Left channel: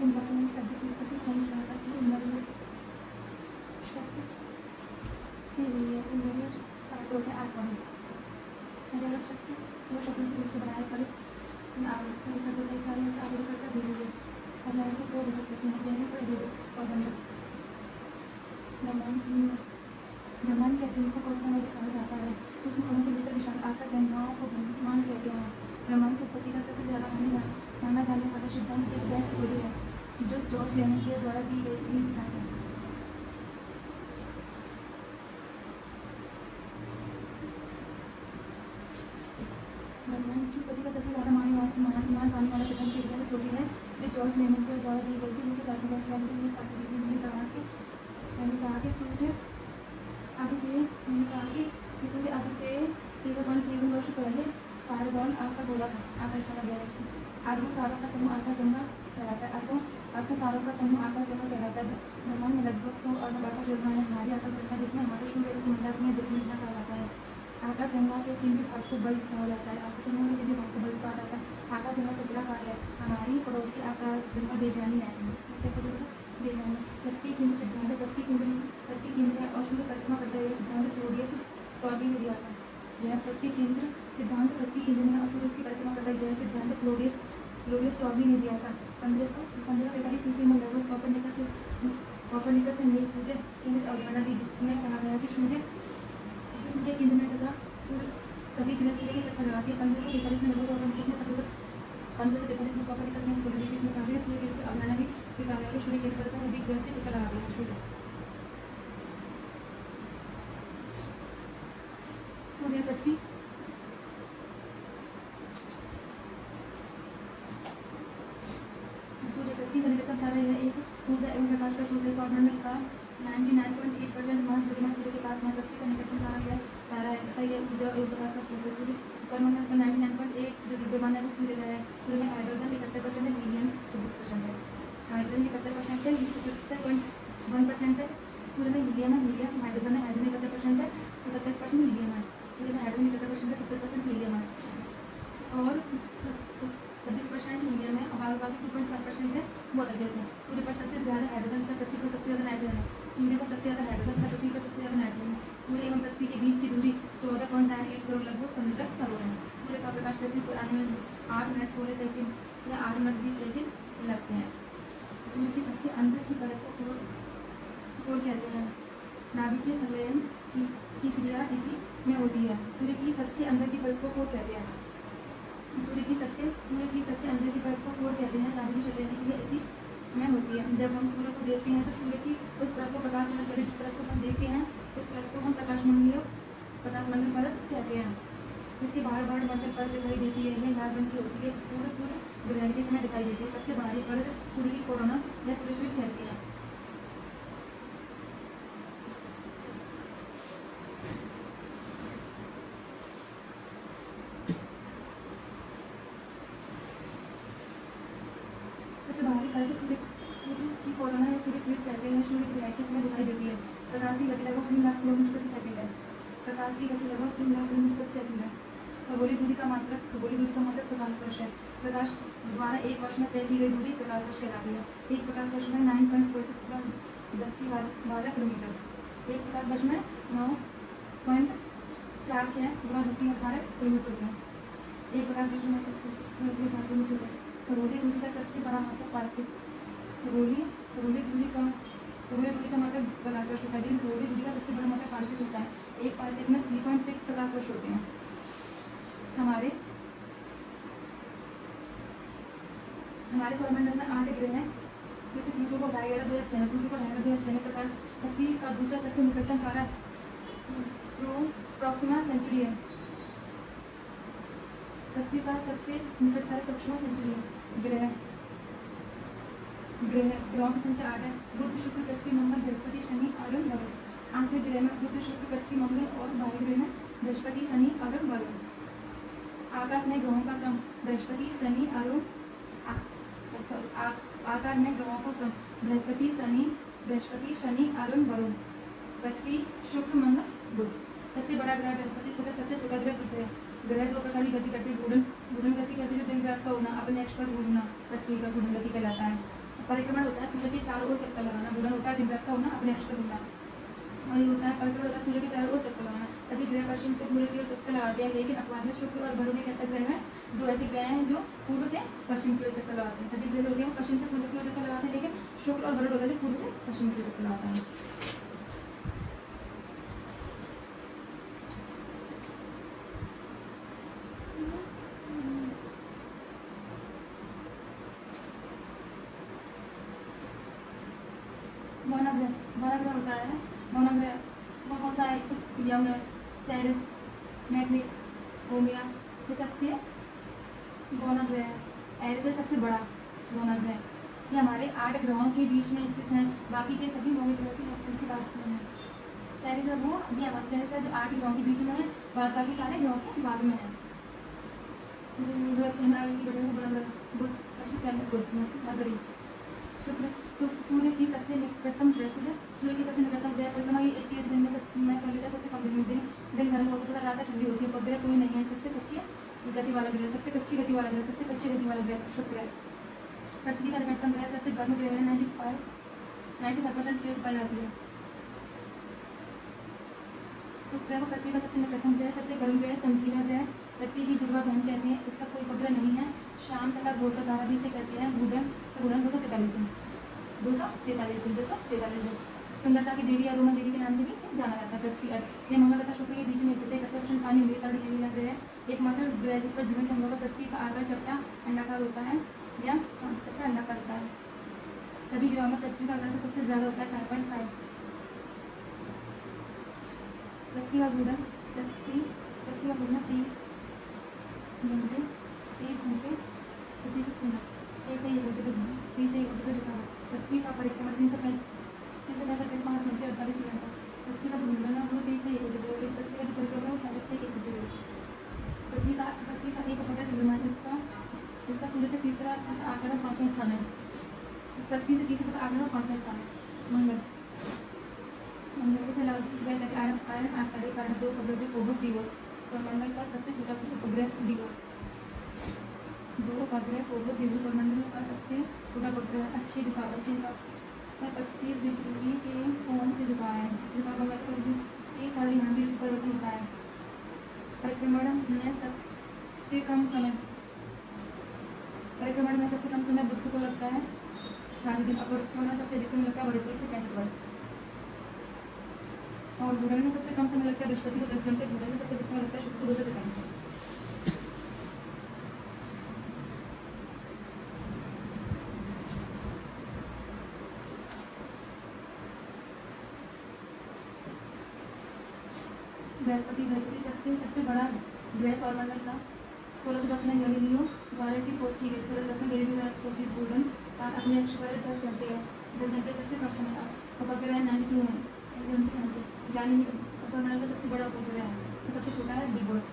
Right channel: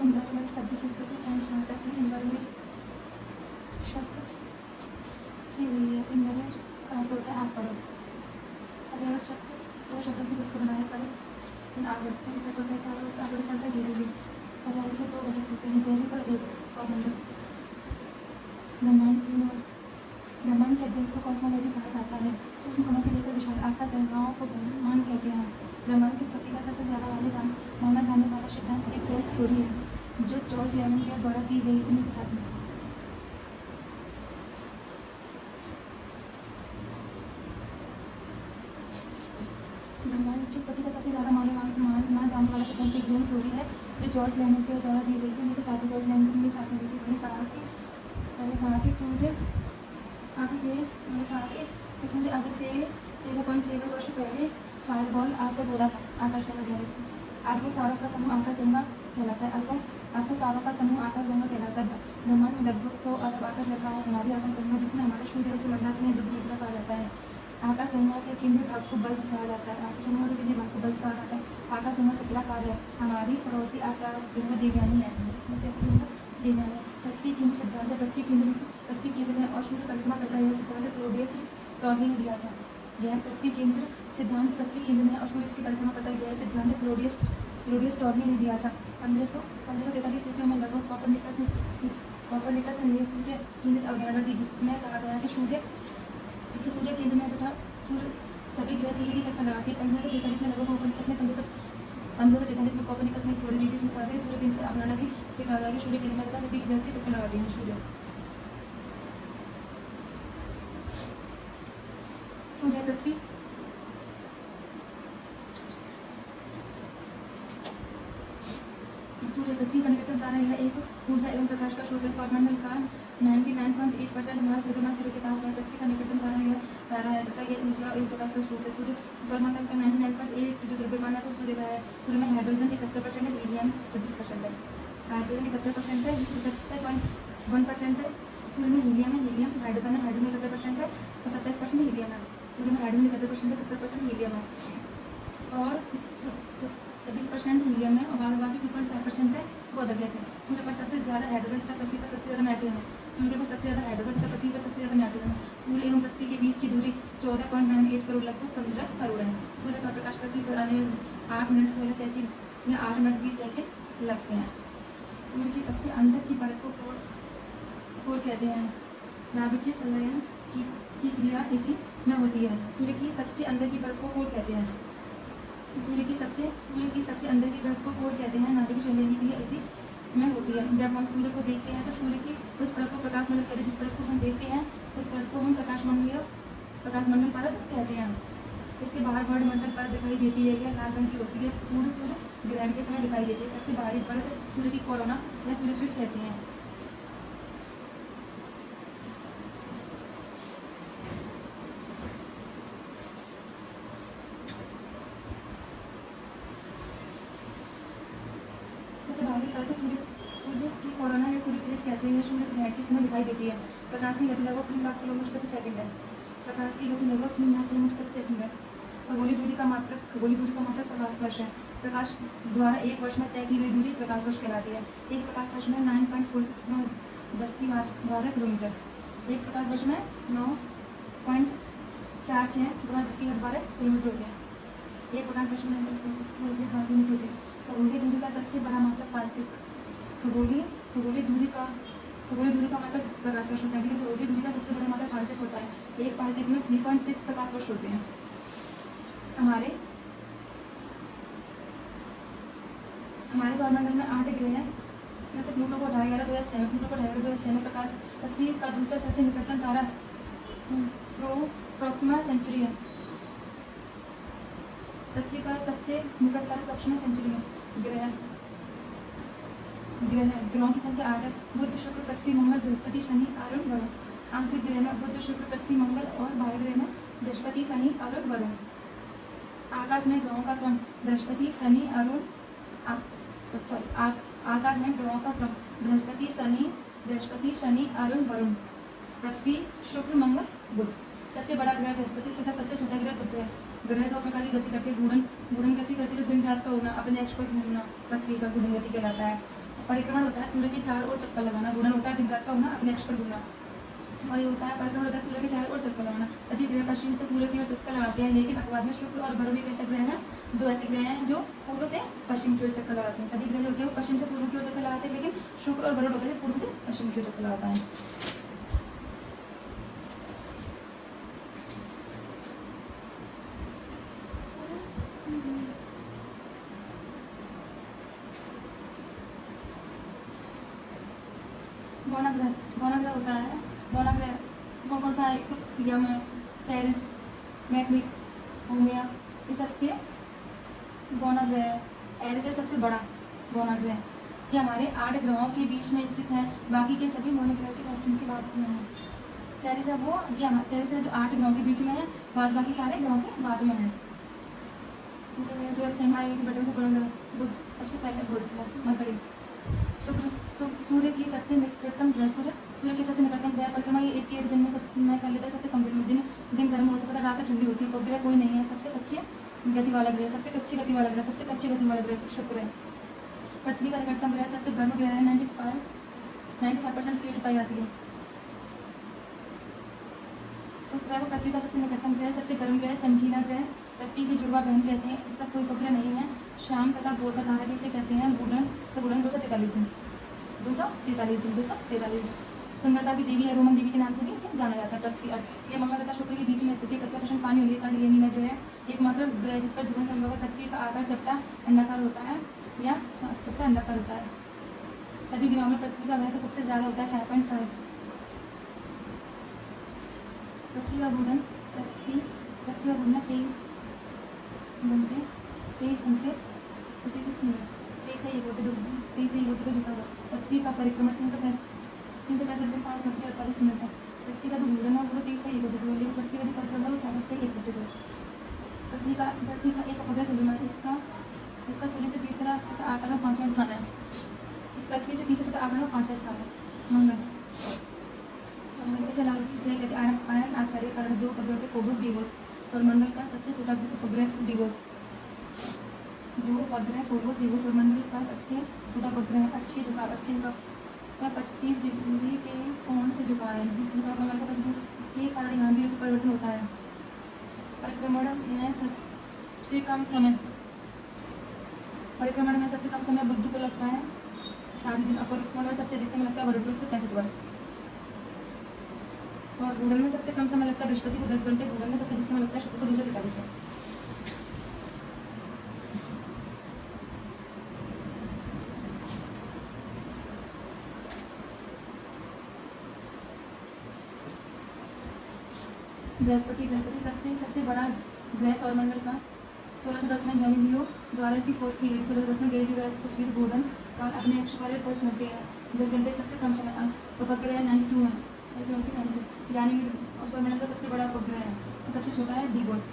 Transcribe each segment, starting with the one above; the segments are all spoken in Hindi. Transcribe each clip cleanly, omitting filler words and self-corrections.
इन्वायरमेंट शब्द की उत्पत्ति फ्रेंच भाषा की इन्वायरमेंट शब्द से हुई है। इन्वायरमेंट का अर्थ होता है आसपास। पर्यावरण शब्द दो शब्दों से मिलकर बनाए पर आवृत्ति होता है चारों ओर से आवृत करता धीरे धीरे। पर्यावरण के दो घटक होते हैं, जैविक और अजैविक सौगंधक। ब्रह्मांड के अध्ययन को कॉस्मोलॉजी कहा जाता है। सूक्ष्म कणों से लेकर विशाल आकाश गंगाओं को ब्रह्मांड कहते हैं। ब्रह्मांड की उत्पत्ति का सबसे ज्यादा माना जाने वाला सिद्धांत एक ब्लैक थ्योरी है, जो जॉर्ज लैमियर द्वारा दी गई 1960 में। ब्रह्मांड की उत्पत्ति का सबसे ज्यादा माना जाने वाला सिद्धांत एक ब्लैक थ्योरी है, जो जॉर्ज लैमियर द्वारा दी गई थी 1960 में। मैंने कहा कि सूर्य आगे से 13.7 वर्ष पहले फायरबॉल आकर बोला था आकाश में गया। अरबों तारों का समूह आकाशगंगा कहलाता है। अरबों तारों का समूह आकाशगंगा कहलाता है। ब्रह्मांड में लगभग 100 अरब आकाशगंगा है। हमारी आकाशगंगा, जिसमें हमारे सूर्य से बंधा है, दुर्घटना कहा जाता है। आकाशगंगा के केंद्रीय भाग को बल्ब कहा जाता है। आकाशगंगा के केंद्रीय भाग को बल्ब कहा जाता है। आकाशगंगा शुक्लाकार है। हमारी पड़ोसी आकाशगंगा देवयानी है। पृथ्वी केंद्र सिद्धांत है। पृथ्वी केंद्र में और सूर्य परिक्रमा करता है। यह सिद्धांत क्लॉडियस टॉर्नी ने दिया था। यह पृथ्वी केंद्र सिद्धांत पृथ्वी केंद्र में और सूर्य उसकी परिक्रमा करता है। यह सिद्धांत क्लॉडियस टॉर्नी ने दिया था। 1543 ईस्वी में लगभग कॉपरनिकस ने सूर्य केंद्रित अवधारणा दी, जिसमें कहा गया कि सूर्य केंद्र में तथा सभी ग्रह सूर्य के चक्कर लगाते। 1543 में लगभग कॉपरनिकस ने थ्योरी दी, जिसमें कहा गया सूर्य केंद्रित अवधारणा दी, जिससे कहा गया कि सूर्य केंद्र में तथा सभी ग्रह के चक्कर लगाते हैं। सूर्य पृथ्वी का निकटतम तारा। यह एक ऊर्जा एवं प्रकाश का स्रोत है। सौरमंडल का 99.8% महान द्रव्यमान सूर्य के पास है। पृथ्वी का निकटतम तारा यह तारा है तथा यह ऊर्जा एवं प्रकाश का स्रोत है। सौरमंडल का 99.8 जो द्रव्यमान है वो सूर्य का है। सूर्य में हाइड्रोजन 71% है, हीलियम 36% है। हाइड्रोजन 71% है, 71% है। सूर्य में हीलियम है, हाइड्रोजन है, हाइड्रोजन 71% है और 27% हीलियम है। सूर्य में हाइड्रोजन 71% है, 70% हीलियम है और 26% हीलियम है और बाकी 2.5% है वो अदर गैस है। सूर्य पर सबसे ज्यादा हाइड्रोजन तथा पृथ्वी पर सबसे ज्यादा नाइट्रोजन है। सूर्य पर सबसे ज्यादा हाइड्रोजन तथा पृथ्वी पर सबसे ज्यादा नाइट्रोजन है। सूर्य एवं पृथ्वी के बीच की दूरी 14.98 करोड़ लगभग 15 करोड़ है। सूर्य का प्रकाश पृथ्वी पर आने में 8 मिनट 16 सेकेंड या 8 मिनट 20 सेकेंड लगते हैं। सूर्य की सबसे अंदर की परत को कोर कहते हैं। नाभिकीय संलयन की क्रिया इसी में होती है। सूर्य की सबसे अंदर की परत को कोर कहते हैं। सूर्य की सबसे अंदर की परत को कोर कहते हैं। नाभिकीय संलयन की क्रिया इसी में होती है। जब हम सूर्य को देखते हैं तो सूर्य की उस परत को प्रकाशमंडल कहते हैं। जिस परत को हम देखते हैं उस परत को हम प्रकाशमंडल परत कहते हैं। इसके बाहर वर्णमंडल परत दिखाई देती है। यह लाल रंग की होती है। पूर्ण सूर्य ग्रहण के समय दिखाई देती है। सबसे बाहरी परत सूर्य की कोरोना या सूर्यपीठ कहती है। सबसे बाहरी परत सूर्य की कोरोना या सूर्यपीठ कहते हैं। सूर्य ग्रहण के समय दिखाई देती है। प्रकाश की गति लगभग 3 लाख किलोमीटर प्रति सेकंड है। प्रकाश की गति लगभग 3 लाख किलोमीटर प्रति सेकंड है। खगोलीय दूरी का मात्रक प्रकाश वर्ष है। प्रकाश द्वारा एक वर्ष में तय की गई दूरी प्रकाश वर्ष कहलाती है। एक प्रकाश वर्ष में 9.46 गुणा 10⁻12 किलोमीटर। एक प्रकाश वर्ष में 9.46 गुणा 10⁻12 किलोमीटर होते हैं। एक प्रकाश वर्ष में 9.46 गुणा 10⁻12 किलोमीटर होते हैं। खगोलीय दूरी का सबसे बड़ा मात्रक पारसिक खगोलीय दूरी का मात्रक प्रकाश वर्ष होता है। लेकिन खगोलीय दूरी का सबसे बड़ा मात्रक पारसिक होता है। एक पारसिक में 3.6 प्रकाश वर्ष होते हैं। हमारे सौरमंडल में 8 ग्रह हैं। इसमें से प्लूटो को हटाया गया 2006 में। प्रकाश पृथ्वी का दूसरा सबसे निकटतम तारा प्रोक्सिमा सेंचुरी है। पृथ्वी का सबसे निकट तारा प्रोक्सिमा सेंचुरी है। ग्रहों की संख्या 8 है। बुध, शुक्र, पृथ्वी, मंगल, बृहस्पति, शनि, अरुण, वरुण। आंतरिक ग्रह में बुध, शुक्र, पृथ्वी, मंगल और बाह्य ग्रह में बृहस्पति, शनि, अरुण, वरुण। आकाश में ग्रहों का क्रम बृहस्पति, शनि, अरुण। आकाश में ग्रहों का क्रम बृहस्पति, शनि, अरुण, वरुण। पृथ्वी, शुक्र, मंगल, बुध। सबसे बड़ा ग्रह बृहस्पति तथा सबसे छोटा ग्रह बुध है। ग्रह दो प्रकार की गति करते हैं, घूर्णन घूर्णन गति करती है जो दिन रात का होना, अपने अक्ष पर घूमना पृथ्वी का घूर्णन गति कहलाता है। परिक्रमण होता है सूर्य के चारों ओर चक्कर लगाना, घूर्णन होता है दिन रात का होना, अपने अक्ष पर घूमना। और ये होता है परिक्रमण होता है सूर्य के चारों ओर चक्कर लगाना। सभी ग्रह पश्चिम से पूर्व की ओर चक्कर लगाते हैं, लेकिन अपवाद में शुक्र और भरण एक ऐसे ग्रह हैं, दो ऐसे ग्रह हैं जो पूर्व से पश्चिम की ओर चक्कर लगाते हैं। सभी ग्रह जो होते हैं वो पश्चिम से पूर्व की ओर चक्कर लगाते हैं, लेकिन शुक्र और भरण होता है जो पूर्व से पश्चिम की ओर चक्कर लगाता है। गौनाग्रह होता है, गौनाग्रह कौन सा एक तो क्रियाओं में सेरिस, मैक्रिक, होमिया, ये सबसे गौनाग्रह है। एरिस है सबसे बड़ा गौनाग्रह, ये हमारे 8 ग्रहों के बीच में स्थित हैं, बाकी के सभी गौनाग्रह की नेपच्यून के बाद में हैं। सेरिस है वो, ये हमारा सेरिस है जो 8 ग्रहों के बीच में है, बाद बाकी सारे ग्रहों के बाद में है। जो अच्छा है आयु की बटे से गौनाग्रह, बुध सबसे पहले बुध, मरकरी, शुक्र, सूर्य की सबसे निकटतम ग्रह, सूर्य की सबसे निकटतम ग्रह परिक्रमा ये 88 दिन में कर लेता है। सबसे कम दिन गर्म होता है, रात ठंडी होती है, उपग्रह कोई नहीं है। सबसे अच्छी गति वाला ग्रह, सबसे अच्छी गति वाला ग्रह, सबसे अच्छी गति वाला ग्रह शुक्र है। पृथ्वी का निकटतम ग्रह सबसे गर्म ग्रह है, 95% सीट पाई जाती है। शुक्र है वो पृथ्वी का सबसे निकटतम ग्रह, सबसे गर्म ग्रह, चमकीला ग्रह, पृथ्वी की जुड़वा बहन कहते हैं। इसका कोई उपग्रह नहीं है। शाम तथा भोर का तारा जिसे कहते हैं, घूर्णन का घूर्णन 243 दिन, 243 दिन, 243 दिन। संगता की देवी या रोमन देवी के नाम से भी इसे जाना जाता है। पृथ्वी अर्थ, ये मंगल तथा शुक्र के बीच में स्थित एक अत्यंत पानी ये नीला ग्रह है, एकमात्र ग्रह जिस पर जीवन संभव है। पृथ्वी का आकार चपटा अंडाकार होता है या चपटा अंडाकार होता है। सभी ग्रहों में पृथ्वी का आकार तो सबसे ज़्यादा होता है 5.5। पृथ्वी का घूर्णन 23 घंटे 36 मिनट, 23 से झुका हुआ। पृथ्वी का परिक्रमण 365 दिन 5 घंटे 48 मिनट है। पृथ्वी का जो घूर्णन है वो 23 से 1 होती है, लेकिन पृथ्वी का जो परिक्रमण है वो 66 से 1 होती है। पृथ्वी का एक उपग्रह चंद्रमा है, इसका सूर्य से तीसरा आकार में 5वां स्थान है। पृथ्वी से तीसरे आकार में 5वां स्थान है मंगल। इसे आयरन ऑक्साइड का 2 उपग्रह फोबोस डिवोस, सौरमंडल का सबसे छोटा उपग्रह डिवोस, 2 उपग्रह फोबोस डिवोस सौरमंडल का सबसे छोटा उपग्रह है। अच्छी झुकाव में 25 डिग्री के कोण से झुका है, इसके कारण यहाँ भी परिवर्तन होता है। परिक्रमण में सबसे कम समय बुध को लगता है 5 दिन, और परिक्रमण में सबसे अधिक समय लगता है मरुड़ को 165 वर्ष, और घूर्णन में सबसे कम समय लगता है बृहस्पति को 10 घंटे, घूर्णन में सबसे अधिक समय लगता है शुक्र को 243 दिन। बृहस्पति सबसे बड़ा ग्रह सौरमंडल का 1610 में गैलीलियो द्वारा इसकी खोज की गई। 1610 में गैलीलियो द्वारा खोज की गई। घूर्णन काल अपने अक्ष पर 10 घंटे है, 10 घंटे सबसे कम समय। उपग्रह 92 है, यानी सौरमंडल का सबसे बड़ा उपग्रह है, सबसे छोटा है दिवस।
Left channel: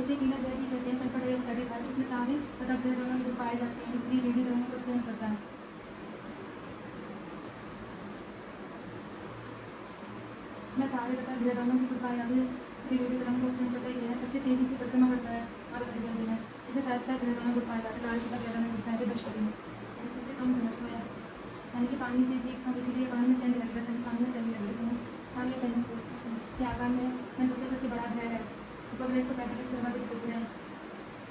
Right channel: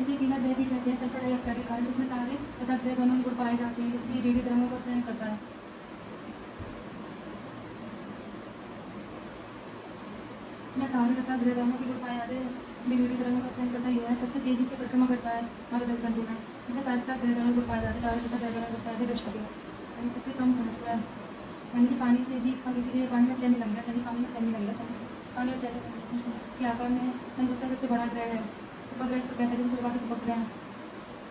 इसे पीला ग्रह भी कहते हैं। सल्फर डाइऑक्साइड के कारण जिसमें तारे तथा ग्रह दोनों जोड़ पाए जाते हैं, इसलिए रेडियो तरंगों का उत्सर्जन करता है। इसमें तारे तथा ग्रह दोनों की जोड़ पाए जाते हैं, इसलिए रेडियो तरंगों का उत्सर्जन करता है। सबसे तेजी से परिक्रमा करता है हर 10 घंटे में। इसमें तारे तथा ग्रह दोनों जोड़ पाए जाते हैं, तारे तथा ग्रह दोनों करता है बृहस्पति में, यानी सबसे कम घनत्व है, यानी कि पानी से भी कम, इसीलिए पानी में तैरने लग गया, पानी में तैरने लग गया, पानी में तैरने के आकार में दूसरा सबसे बड़ा ग्रह है। उपग्रह 145 सर्वाधिक उपग्रह है।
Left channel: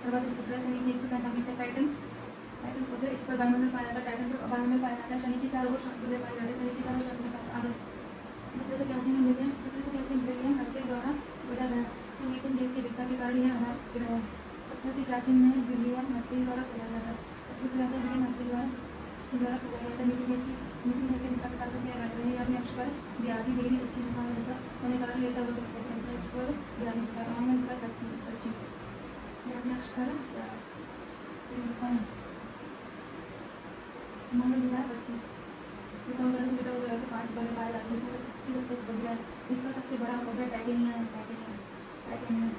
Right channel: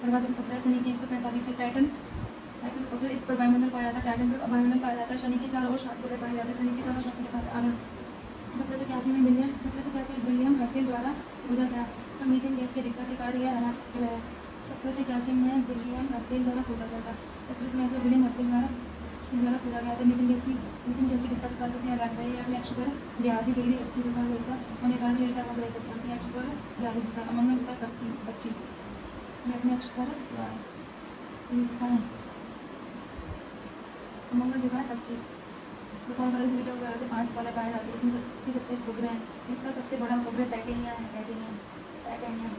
सर्वाधिक उपग्रह शनि के 145 से टाइटन उपग्रह, इस पर वायुमंडल पाया जाता है। टाइटन पर वायुमंडल पाया जाता है। शनि की 4 और 7 ग्रह पाए जाते हैं। शनि के चारों 1781 में विलियम हर्फी द्वारा खोजा गया। मीथेन गैस की अधिकता के कारण यह हरा ग्रह है। 1781 में विलियम हर्फी द्वारा खोजा गया था। 1781 विलियम हर्फी द्वारा खोजा गया था। मीथेन गैस की अधिकता के कारण से हरा ग्रह है। अपने अक्ष पर 82 डिग्री अच्छी झुकाव है उसका होने के कारण डेल्टा वक्र है। अपने अक्ष पर 82 झुकाव, मंगल पर 25, अपने अक्ष पर मंगल झुका है 25। कौन कलर से बेटा 5 कलर पाए जाते हैं। इसमें इसकी 27 उपग्रह है। इसका सबसे बड़ा उपग्रह टाइटेनिया है। टाइटेनिया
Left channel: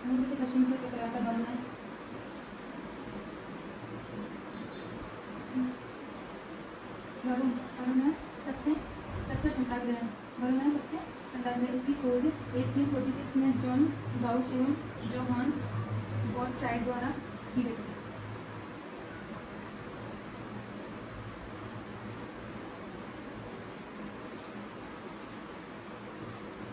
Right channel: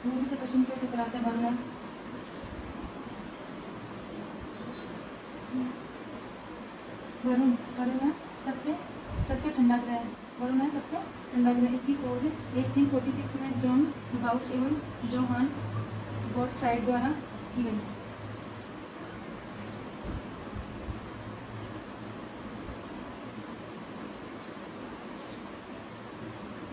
पूर्व से पश्चिम की ओर चक्कर आता है। वरुण है सबसे ठंडा ग्रह है। वरुण है सबसे ठंडा ठंडा ग्रह, इसकी खोज 1846 में जॉन बाउच एवं जोहान गॉटफ्राइड द्वारा की गई।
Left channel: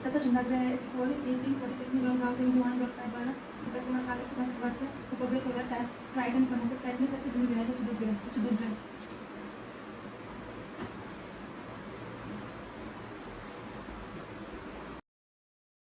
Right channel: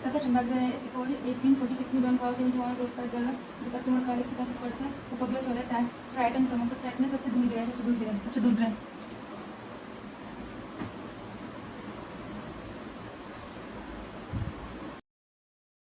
सबसे ठंडा ग्रह है, इसकी खोज 1846 में जॉन बाउच एवं जोहान गॉटफ्राइड द्वारा दक्षिण कालिक 165 वर्ष उपग्रह 16 ट्राइटन समुद्र ट्राइटन सबसे दूर ग्रह, सबसे दूर ग्रह।